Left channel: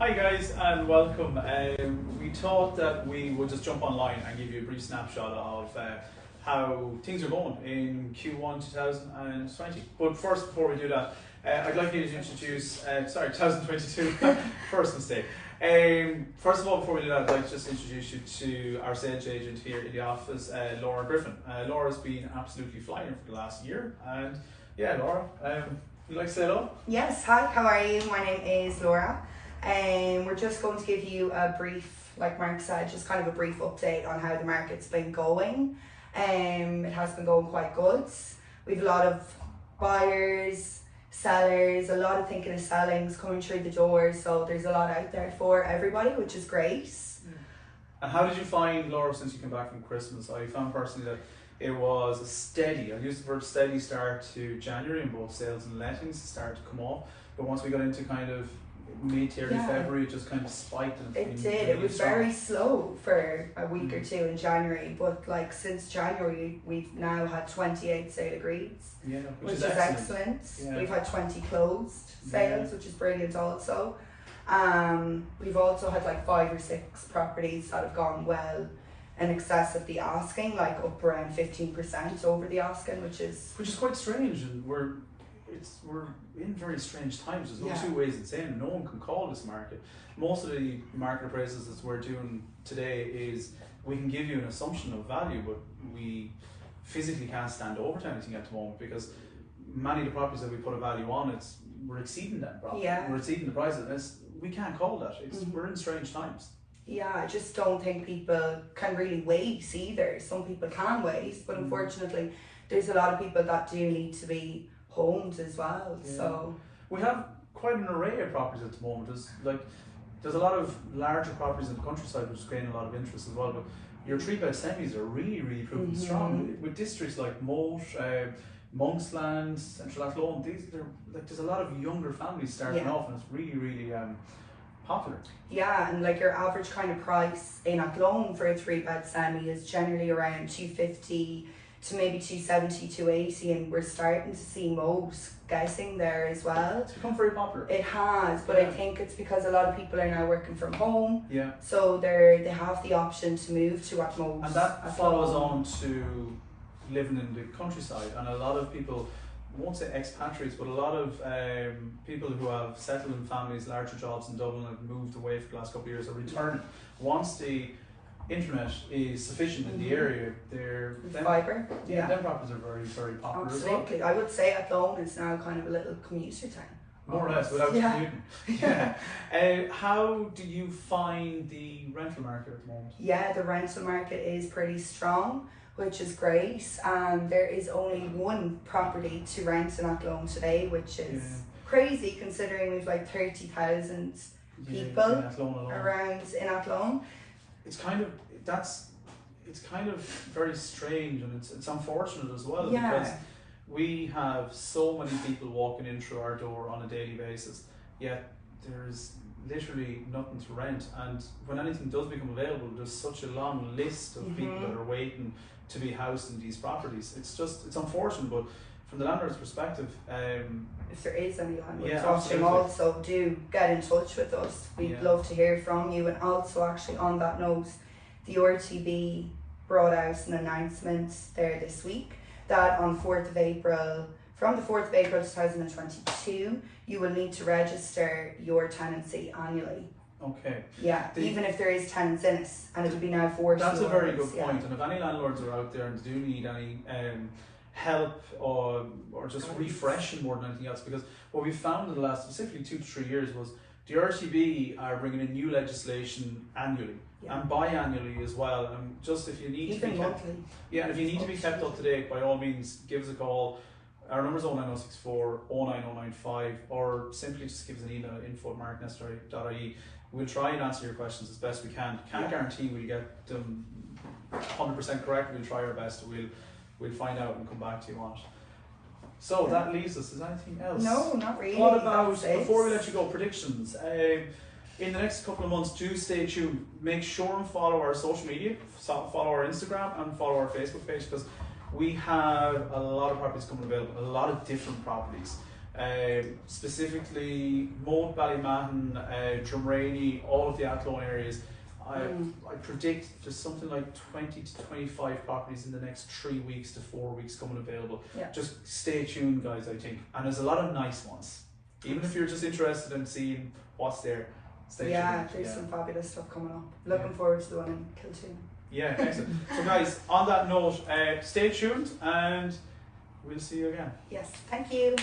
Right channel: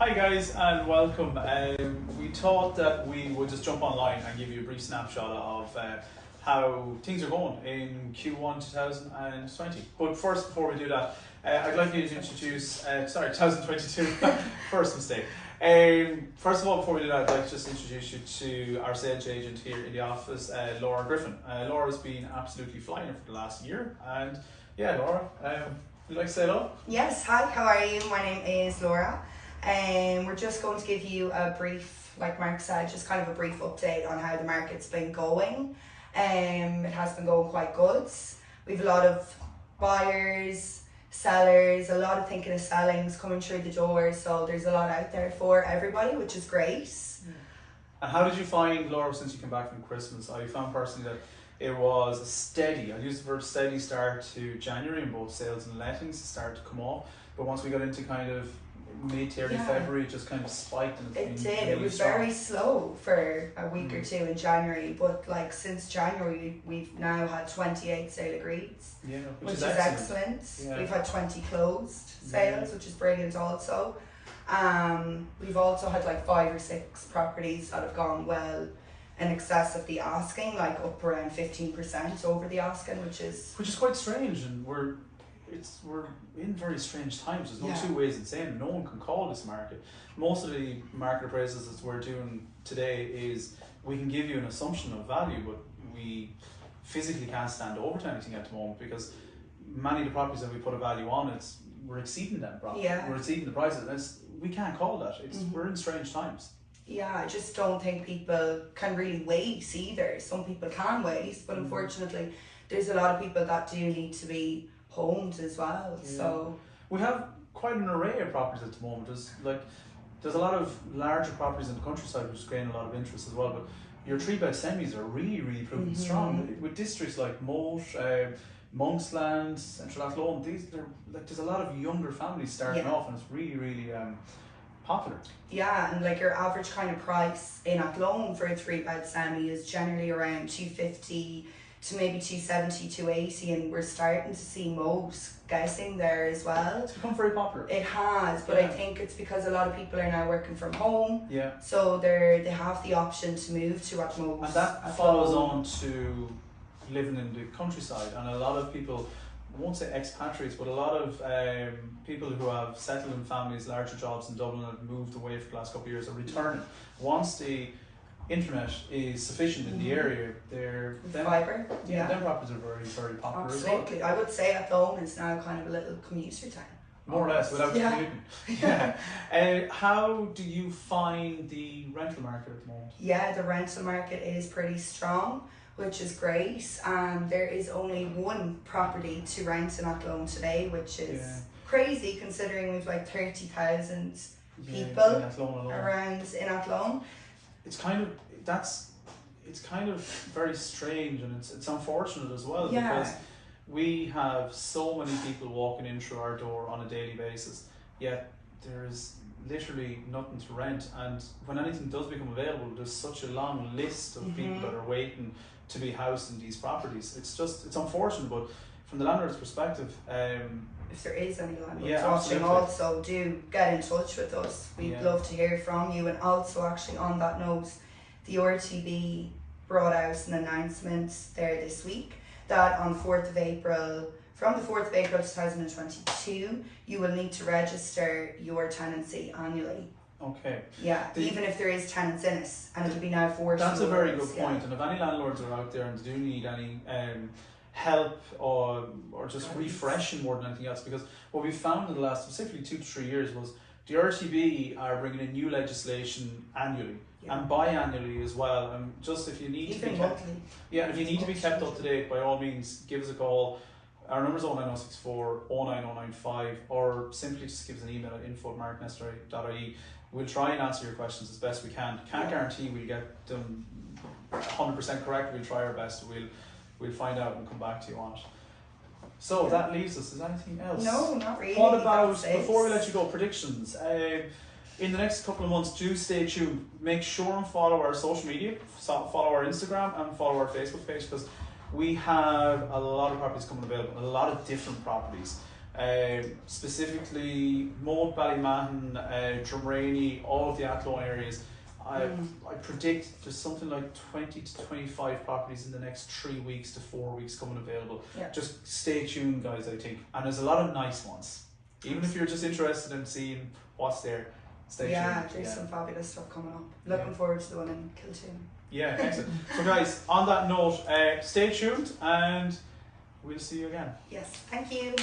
Hi guys and welcome. We thought that we would just jump online and give you a brief snapshot of how things are going in Q1 2020. But first, before we do that, I'd like you to introduce, 2022, first mistake. First of all, before we do that, I'd like to just introduce you to our sales agent here in the office, Laura Griffin. Laura's been absolutely flying for the last year, and yeah, Laura, you like to say hello? Yes, hi, how are you? My name is Laura. We're just going to give you a brief, like Mark said, just kind of a brief update on how the market's been going. It has been going quite good. We've a lot of buyers, sellers, a lot of thinking of sellings coming through the door, so there's a lot out there for everybody, which is great. And how did you find, Laura, since you came back from Christmas? I found personally that it was a steady, I'll use the word steady start to January in both sales and lettings started to come off, but once we got into kind of mid to early February, it just kind of spiked. And it did. It was very slow for a week or two in January, but like since January we've now had 28 sale agreeds, which is excellent. Yeah. We've had 20 closed sales, which is brilliant also. We've also had like 5 or 6 properties that have gone well in excess of the asking, like up around 15% over the asking, which is quite strange, and we're in very strange times. There's no two ways in saying. No one can call this market. Most of the market appraisals that we're doing today is we can give you an assumption of value, but we physically can't stand over to anything at the moment because many of the properties that we put a value on, we're exceeding them. We're exceeding the prices. We can't call that. We're in strange times. Yeah, I just don't think people can really wait either. Some people can wait, but unfortunately there's a lot of people that do need to be homes as well. So we have quite an array of properties at the moment. There's a lot of larger properties in the countryside which is gaining a lot of interest as well, but your 3-bed semis are really proving strong with districts like Moat, Monksland, Central Athlone. There's a lot of younger families starting off, and it's really popular. Yeah, and like your average kind of price in Athlone for a 3-bed semi is generally around 250 to maybe 270, 280, and we're starting to see most guessing there as well. It's become very popular. It has, but I think it's because a lot of people are now working from home. Yeah. So they have the option to move to at most. And that follows on to living in the countryside, and a lot of people, I won't say expatriates, but a lot of people who have settled in families, larger jobs in Dublin, and have moved away for the last couple of years are returning. Once the internet is sufficient in the area, fibre. Them properties are very popular. Absolutely. As well. I would say Athlone is now kind of a little commuter town. More or less, without commuting. How do you find the rental market at the moment? Yeah, the rental market is pretty strong, which is great. And there is only one property to rent in Athlone today, which is crazy considering we've like 30,000 people around in Athlone. It's kind of very strange, and it's unfortunate as well because we have so many people walking in through our door on a daily basis, yet there's literally nothing to rent, and when anything does become available, there's such a long list of people that are waiting to be housed in these properties. It's unfortunate, but from the landlord's perspective, if there is any landlords watching, also do get in touch with us. We'd love to hear from you. And also, actually, on that note, the RTB brought out an announcement there this week that on 4th of April, from the 4th of April 2022, you will need to register your tenancy annually. Okay. Yeah, even if there is tenants in it, and it will be now forced. That's a very good point. And if any landlords are out there and do need any help or just refreshing more than anything else, because what we found in the last specifically 2 to 3 years was the RTB are bringing in new legislation annually and biannually as well. And just if you need to be kept, and if you need to be kept up to date, by all means, give us a call. Our number is 09064 09095, or simply just give us an email at info@marknester.ie. We'll try and answer your questions as best we can. Can't guarantee we'll get them 100% correct. We'll try our best. We'll find out and come back to you on it. So that leaves us. Is there anything else? No, not really. What about, before we let you go, predictions? In the next couple of months, do stay tuned. Make sure and follow our social media, follow our Instagram and follow our Facebook page, because we have a lot of properties coming available, a lot of different properties. specifically Moat, Ballymahon, Drumraney, all of the Athlone areas. I predict there's something like 20 to 25 properties in the next 3 weeks to 4 weeks coming available. Yeah. Just stay tuned, guys, I think. And there's a lot of nice ones. Even if you're just interested in seeing what's there, stay tuned. Yeah, there's some fabulous stuff coming up. Looking forward to the one in Kiltoon. Yeah, excellent. So guys, on that note, stay tuned and we'll see you again. Yes, thank you.